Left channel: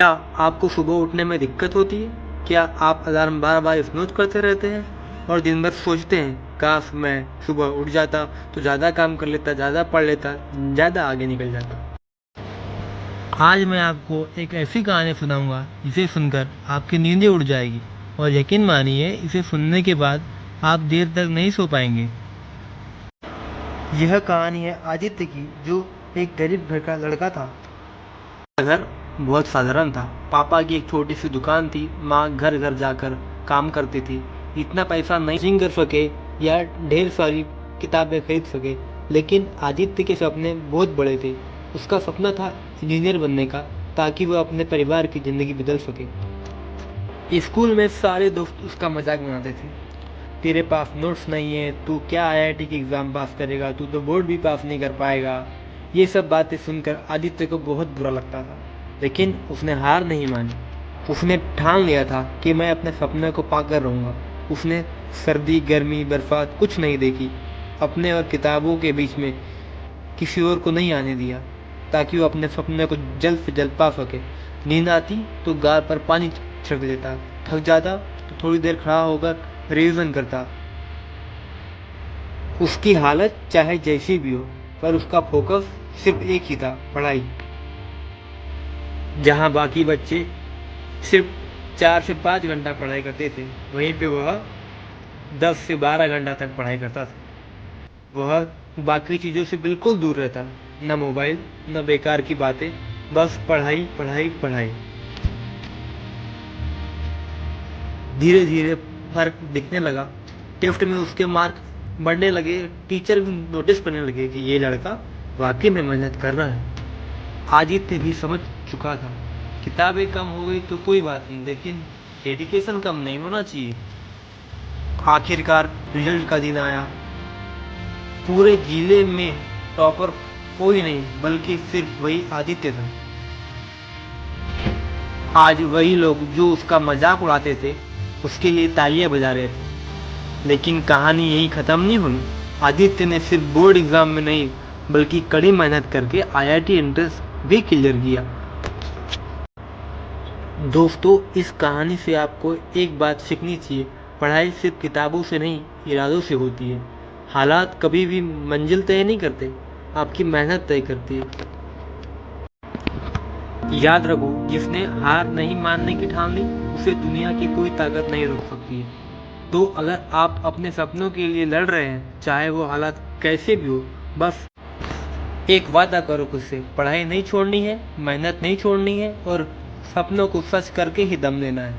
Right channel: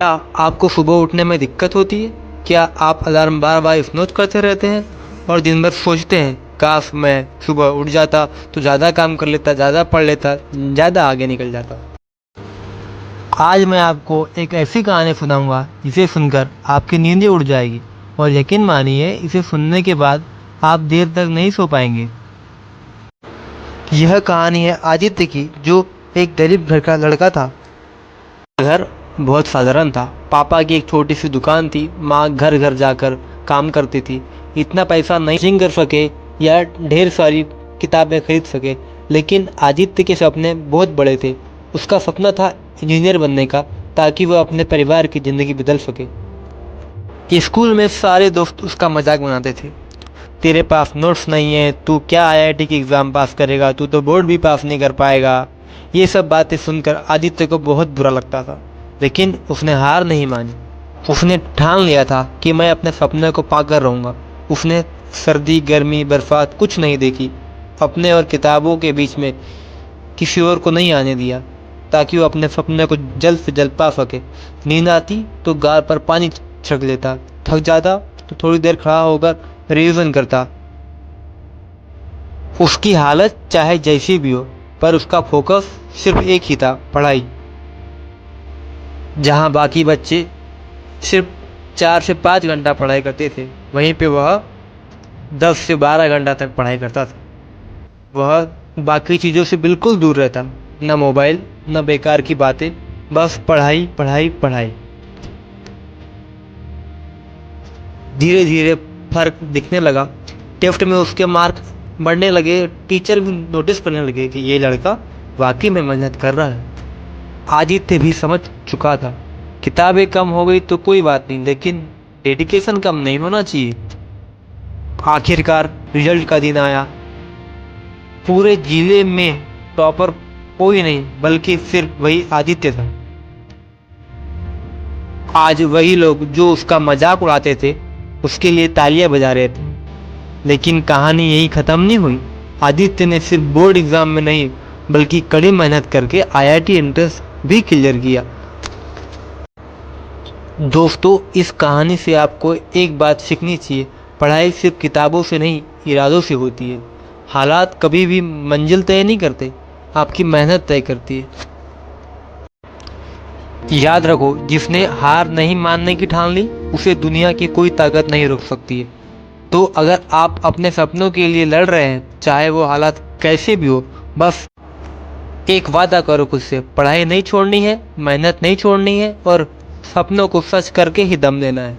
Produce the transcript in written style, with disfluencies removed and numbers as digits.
क्या आपको सुबह उठने में दिक्कत होती है? क्या आप अलार्म बार बार स्नूज़ करते रहते हैं और दिन भर सोचते हैं काश मैं सुबह उठ जाता तो ज़्यादा काम कर लेता, ज़्यादा पढ़ लेता, ज़्यादा आगे निकल जाता। आज मैं आपको एक ऐसी कहानी सुनाऊंगा जिसे सुनकर आपकी नींदें उड़ जाएगी और यकीन मानिए इसे सुनने के बाद आप देर तक नहीं सो पाएंगे। यह कहानी है आदित्य की, जो एक गरीब घर का लड़का था। घर बहुत साधारण था। पापा की एक छोटी सी दुकान थी, माँ घर घर जाकर काम करती थी। इतना पैसा नहीं कर सके या ढेर सारी किताबें खरीद सके, लेकिन आदित्य के सपने बहुत बड़े थे। उसका सपना था इंजीनियर बनने का, ताकि वह अपने परिवार की ज़िंदगी बदल सके। स्कूल में सारे दोस्त उसका मजाक बनाते थे। तेरे पास नोट्स नहीं है, तू क्या आईआईटी की एग्ज़ाम पास करेगा, तू तो बोर्ड भी पास नहीं कर पाएगा। ये सब बातें सुनकर आदित्य को बहुत बुरा लगता था, लेकिन उसने हार नहीं मानी। उसने ठान लिया था कि मैं अपने सपने को पाकर रहूँगा। उसने सर्दी गर्मी बरसात कुछ नहीं देखी, अपने और किताबों के बीच में किसी और को नहीं आने दिया, ताकि वो अपने सपने को जल्द से जल्द पा सके। नींद आती तो गाल पर पानी छिड़क लेता, थक जाता तो थोड़ी देर खड़ा होकर रिवीजन करता। उसकी हालत चाहे जैसी भी हो, पर उसका फोकस सिर्फ एक ही था, पढ़ाई। जहाँ बाकी बच्चे सिर्फ 4 से 5 घंटा पढ़ाई करते थे, वहीं पे वह 10 से 12 घंटा तक पढ़ाई करता था। वह बाकी चीज़ों से बिल्कुल दूर रहता, न मोबाइल न बेकार की बातें, बस पढ़ाई पढ़ाई पढ़ाई। धीरे धीरे फर्क दिखने लगा। टेस्ट में उसके मार्क्स बढ़ने लगे। टीचर भी नोटिस करने लगे कि ये लड़का वाकई में मेहनत कर रहा है। आदित्य भी समझ चुका था, किताबें कम हो गई तो कोई बात नहीं, लेकिन डेडिकेशन कम नहीं होना चाहिए। आखिरकार रिजल्ट का दिन आया। पूरे जिले में टॉपर कोई नहीं, बल्कि सिर्फ वही आदित्य था। आज वही लोग जो उसका मजाक उड़ाते थे, उसके लिए तालियां बजा रहे थे। लेकिन कहानी यही खत्म नहीं हुई। आदित्य ने सिर्फ बोर्ड एग्जाम में नहीं, बल्कि कड़ी मेहनत करके आईआईटी एंट्रेंस भी क्लियर किया। दोस्तों, इस कहानी से आपको एक बात सीखनी चाहिए, पढ़ाई सिर्फ किताबों से नहीं, इरादों से होती है। हालात कभी भी मंजिल तय नहीं करते, आपकी मेहनत तय करती है। याद रखो, जिसने हार नहीं मानने की ठान ली, उसे दुनिया की कोई ताकत नहीं रोक सकती है। तो अगर आप अपने सपनों के लिए लड़ रहे हैं, चाहे वो हालात कैसे भी हो, बस एक वादा करो खुद से, पढ़ाई नहीं छोड़नी है, मेहनत नहीं छोड़नी है और सपनों को सच करके ही दम लेना है।